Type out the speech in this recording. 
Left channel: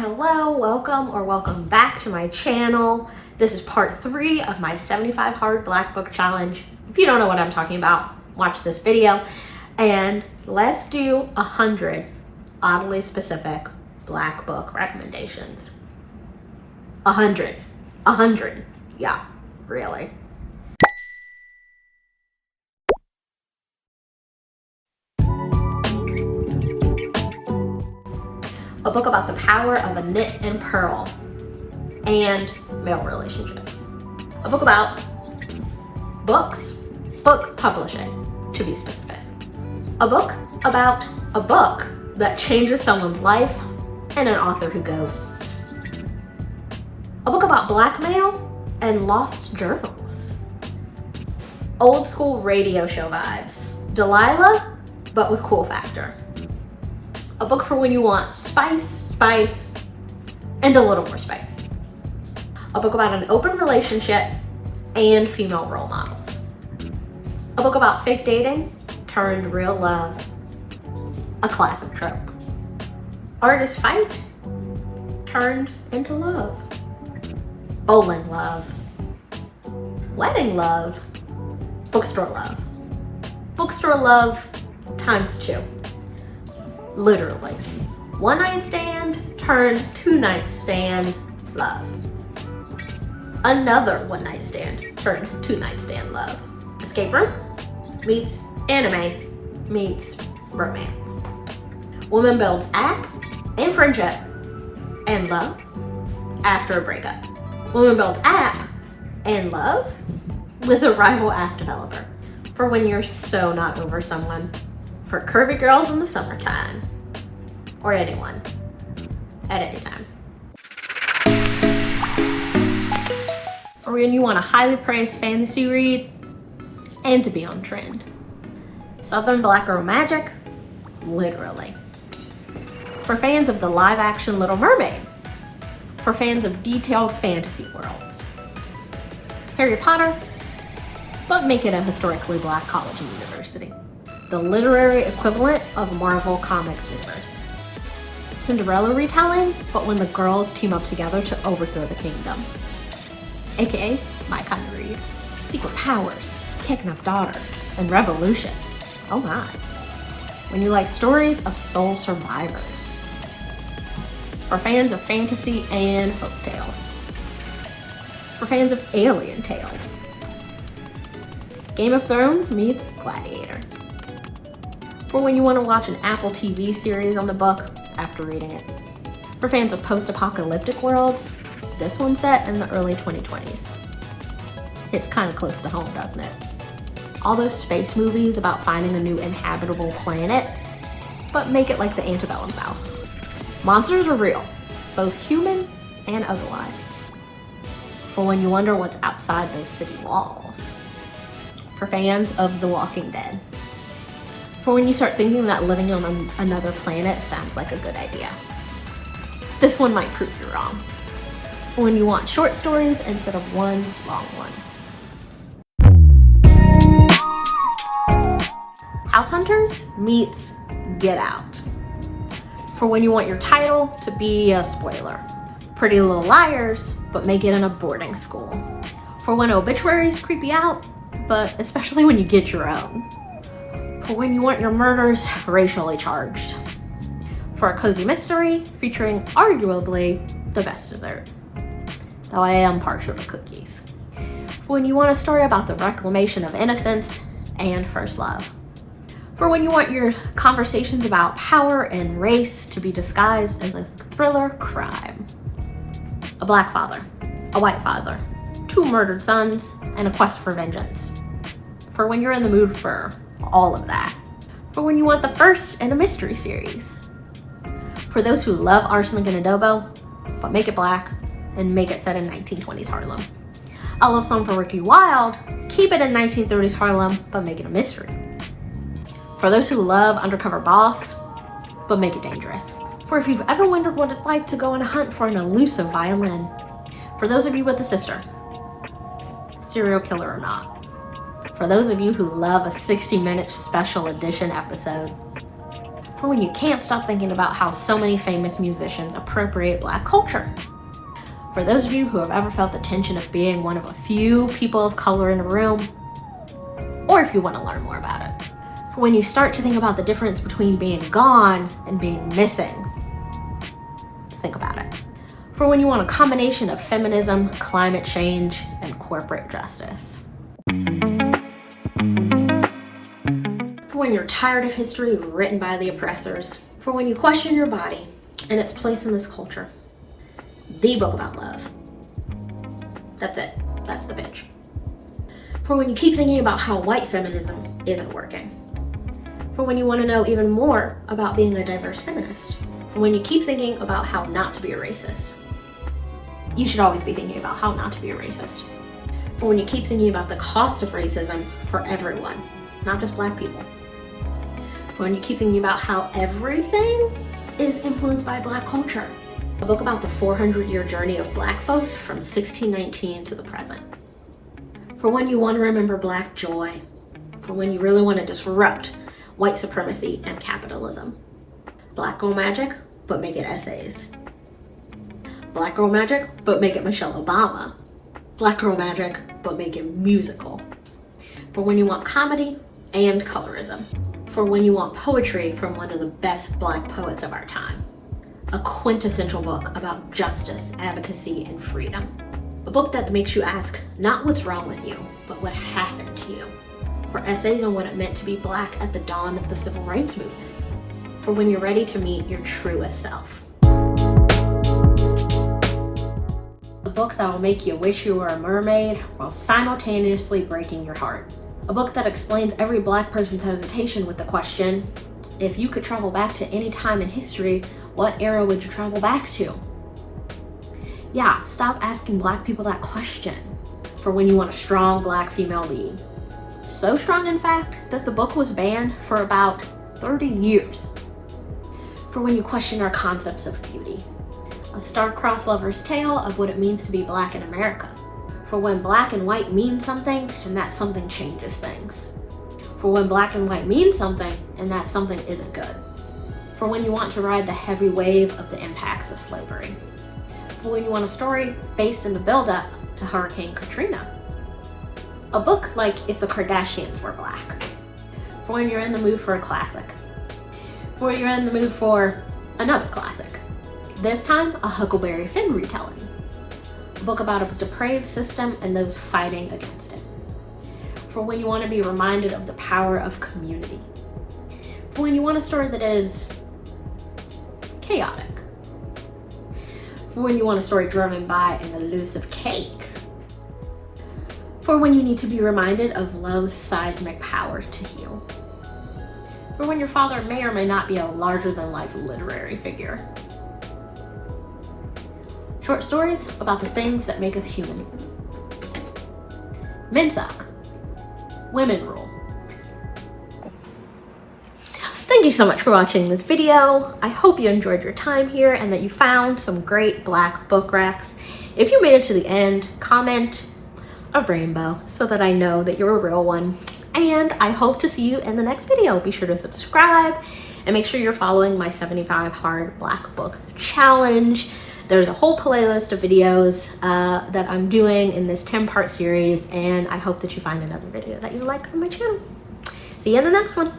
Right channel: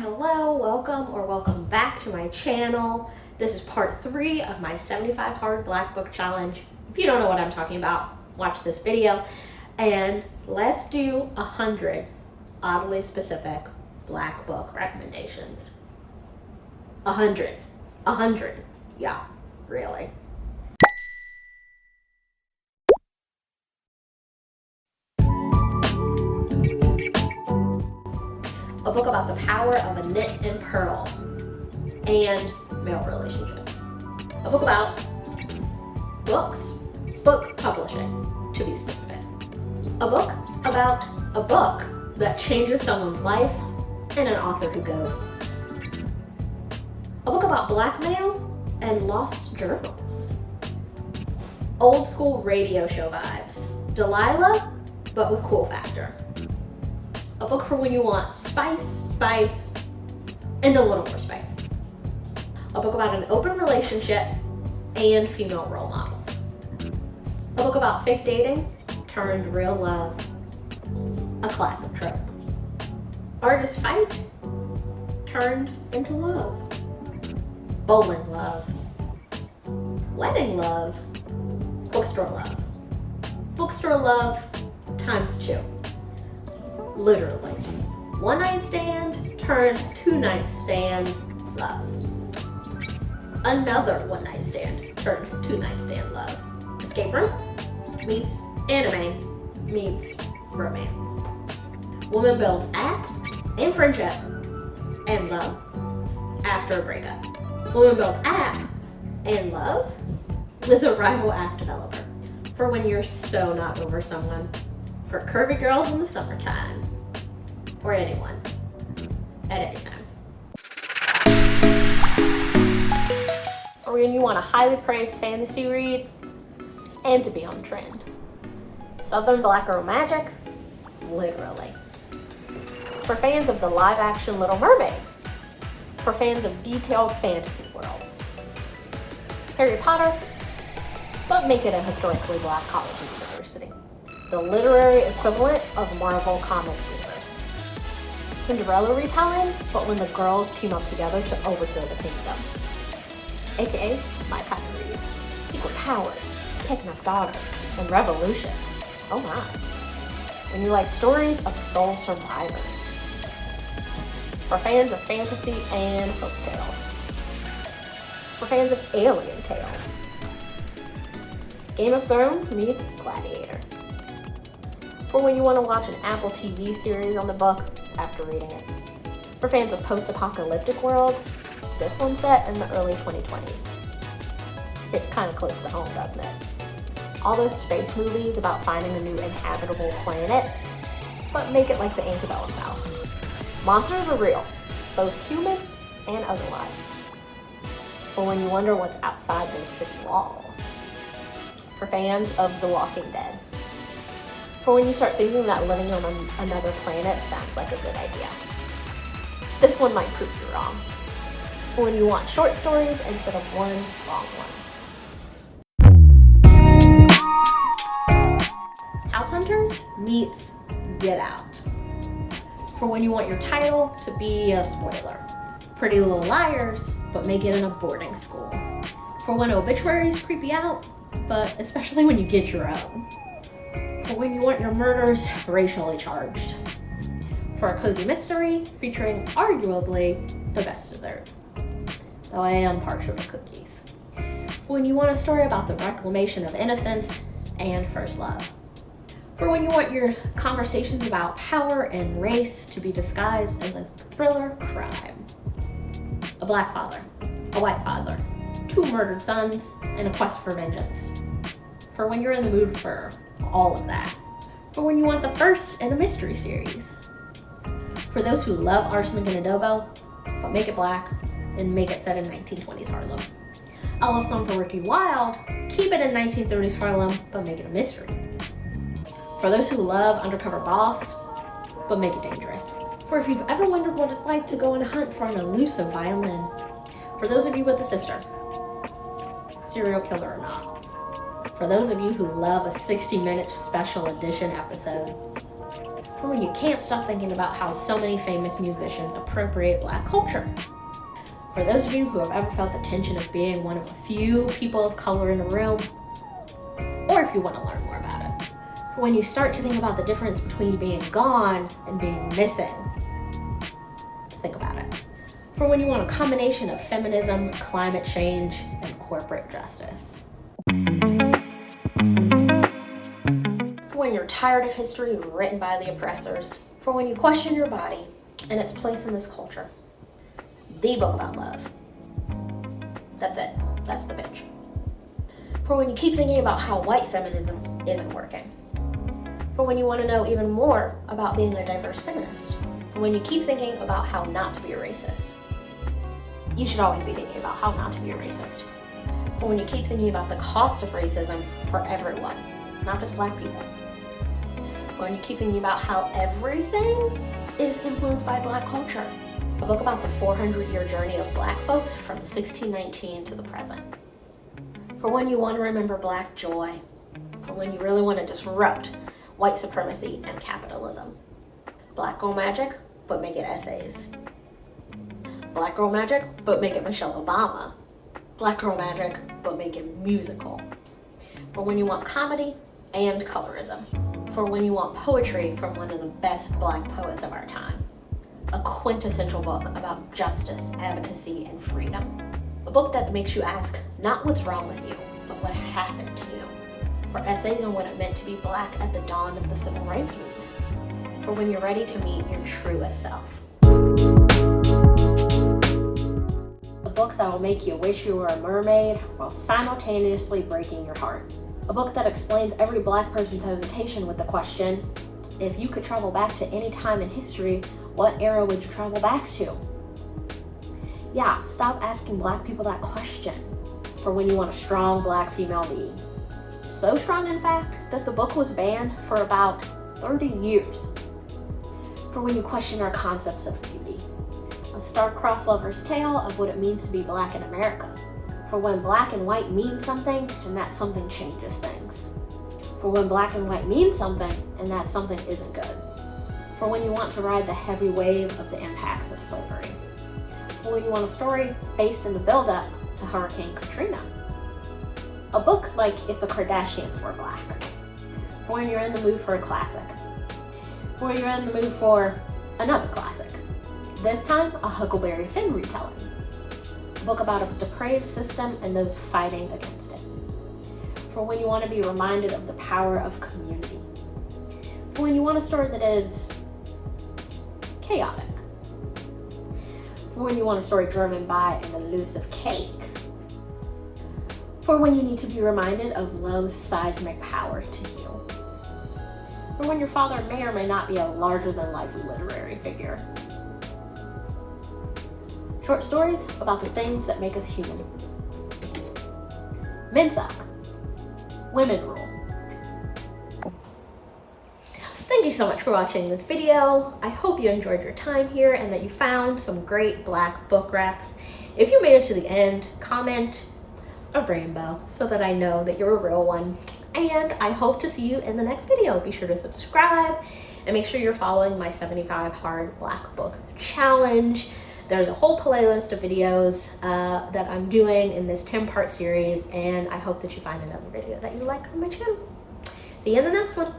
hello, welcome back to my channel. This is part 3 of my 75 hard black book challenge. If you don't know what I'm talking about, watch this video and let's do 100 oddly specific black book recommendations. 100, yeah, really. A book about the power of a knit and purl and male relationships. A book about books, book publishing, to be specific. A book about a book that changes someone's life and an author who ghosts. A book about blackmail and lost journals. Old school radio show vibes. Delilah, but with cool factor. A book for when you want spice, and a little more spice. A book about an open relationship and female role models. A book about fake dating turned real love. A classic trope. Artist fight turned into love. Bowling love. Wedding love. Bookstore love. Bookstore love times 2. Literally. One night stand turned 2 night stand love. Another one night stand turned 2 night stand love. Escape room meets anime meets romance. Woman builds app and friendship and love after a breakup. Woman builds app and love with a rival app developer. For when you're so not over someone. For curvy girls in the summertime. Or anyone. At any time. Or when you want a highly praised fantasy read and to be on trend. Southern Black Girl Magic, literally. For fans of the live action Little Mermaid. For fans of detailed fantasy worlds. Harry Potter, but make it a historically black college and university. The literary equivalent of Marvel Comics universe. Cinderella retelling, but when the girls team up together to overthrow the kingdom. AKA my kind of read. Secret powers, kicking up daughters, and revolution. Oh my. When you like stories of soul survivors. For fans of fantasy and folk tales. For fans of alien tales. Game of Thrones meets Gladiator. For when you want to watch an Apple TV series on the book after reading it. For fans of post-apocalyptic worlds, this one's set in the early 2020s. It's kind of close to home, doesn't it? All those space movies about finding a new inhabitable planet, but make it like the Antebellum South. Monsters are real, both human and otherwise. For when you wonder what's outside those city walls. For fans of The Walking Dead. For when you start thinking that living on another planet sounds like a good idea. This one might prove you wrong. For when you want short stories instead of one long one. House Hunters meets Get Out. For when you want your title to be a spoiler. Pretty Little Liars, but make it in a boarding school. For when obituaries creep you out, but especially when you get your own. For when you want your murders racially charged. For a cozy mystery featuring arguably the best dessert. Though I am partial to cookies. For when you want a story about the reclamation of innocence and first love. For when you want your conversations about power and race to be disguised as a thriller crime. A black father, a white father, 2 murdered sons, and a quest for vengeance. For when you're in the mood for all of that. For when you want the first in a mystery series. For those who love arsenic and adobo, but make it black and make it set in 1920s Harlem. A love song for Ricky Wilde, keep it in 1930s Harlem, but make it a mystery. For those who love Undercover Boss, but make it dangerous. For if you've ever wondered what it's like to go on a hunt for an elusive violin. For those of you with a sister, serial killer or not. For those of you who love a 60-minute special edition episode. For when you can't stop thinking about how so many famous musicians appropriate Black culture. For those of you who have ever felt the tension of being one of a few people of color in a room, or if you want to learn more about it. For when you start to think about the difference between being gone and being missing, think about it. For when you want a combination of feminism, climate change, and corporate justice. For when you're tired of history written by the oppressors. For when you question your body and its place in this culture. The book about love. That's it. That's the pitch. For when you keep thinking about how white feminism isn't working. For when you want to know even more about being a diverse feminist. For when you keep thinking about how not to be a racist. You should always be thinking about how not to be a racist. For when you keep thinking about the cost of racism for everyone, not just Black people. For when you keep thinking about how everything is influenced by Black culture. A book about the 400-year journey of Black folks from 1619 to the present. For when you want to remember Black joy. For when you really want to disrupt white supremacy and capitalism. Black Girl Magic, but make it essays. Black Girl Magic, but make it Michelle Obama. Black Girl Magic, but make it musical. For when you want comedy and colorism. For when you want poetry from one of the best Black poets of our time. A quintessential book about justice, advocacy, and freedom. A book that makes you ask not what's wrong with you, but what happened to you. For essays on what it meant to be Black at the dawn of the Civil Rights Movement. For when you're ready to meet your truest self. A book that will make you wish you were a mermaid while simultaneously breaking your heart. A book that explains every Black person's hesitation with the question, if you could travel back to any time in history, what era would you travel back to? Yeah, stop asking Black people that question. For when you want a strong Black female lead. So strong, in fact, that the book was banned for about 30 years. For when you question our concepts of beauty. A star-crossed lover's tale of what it means to be Black in America. For when Black and white mean something, and that something changes things. For when Black and white mean something, and that something isn't good. For when you want to ride the heavy wave of the impacts of slavery. For when you want a story based in the build-up to Hurricane Katrina. A book like If the Kardashians Were Black. For when you're in the mood for a classic. For when you're in the mood for another classic. This time, a Huckleberry Finn retelling. A book about a depraved system and those fighting against it. For when you want to be reminded of the power of community. For when you want a story that is chaotic. For when you want a story driven by an elusive cake. For when you need to be reminded of love's seismic power to heal. For when your father may or may not be a larger-than-life literary figure. Short stories about the things that make us human. Men suck. Women rule. Thank you so much for watching this video. I hope you enjoyed your time here and that you found some great Black book racks. If you made it to the end, comment a rainbow so that I know that you're a real one. And I hope to see you in the next video. Be sure to subscribe and make sure you're following my 75 Hard Black Book Challenge. There's a whole playlist of videos that I'm doing in this 10-part series, and I hope that you find another video that you like on my channel. See you in the next one.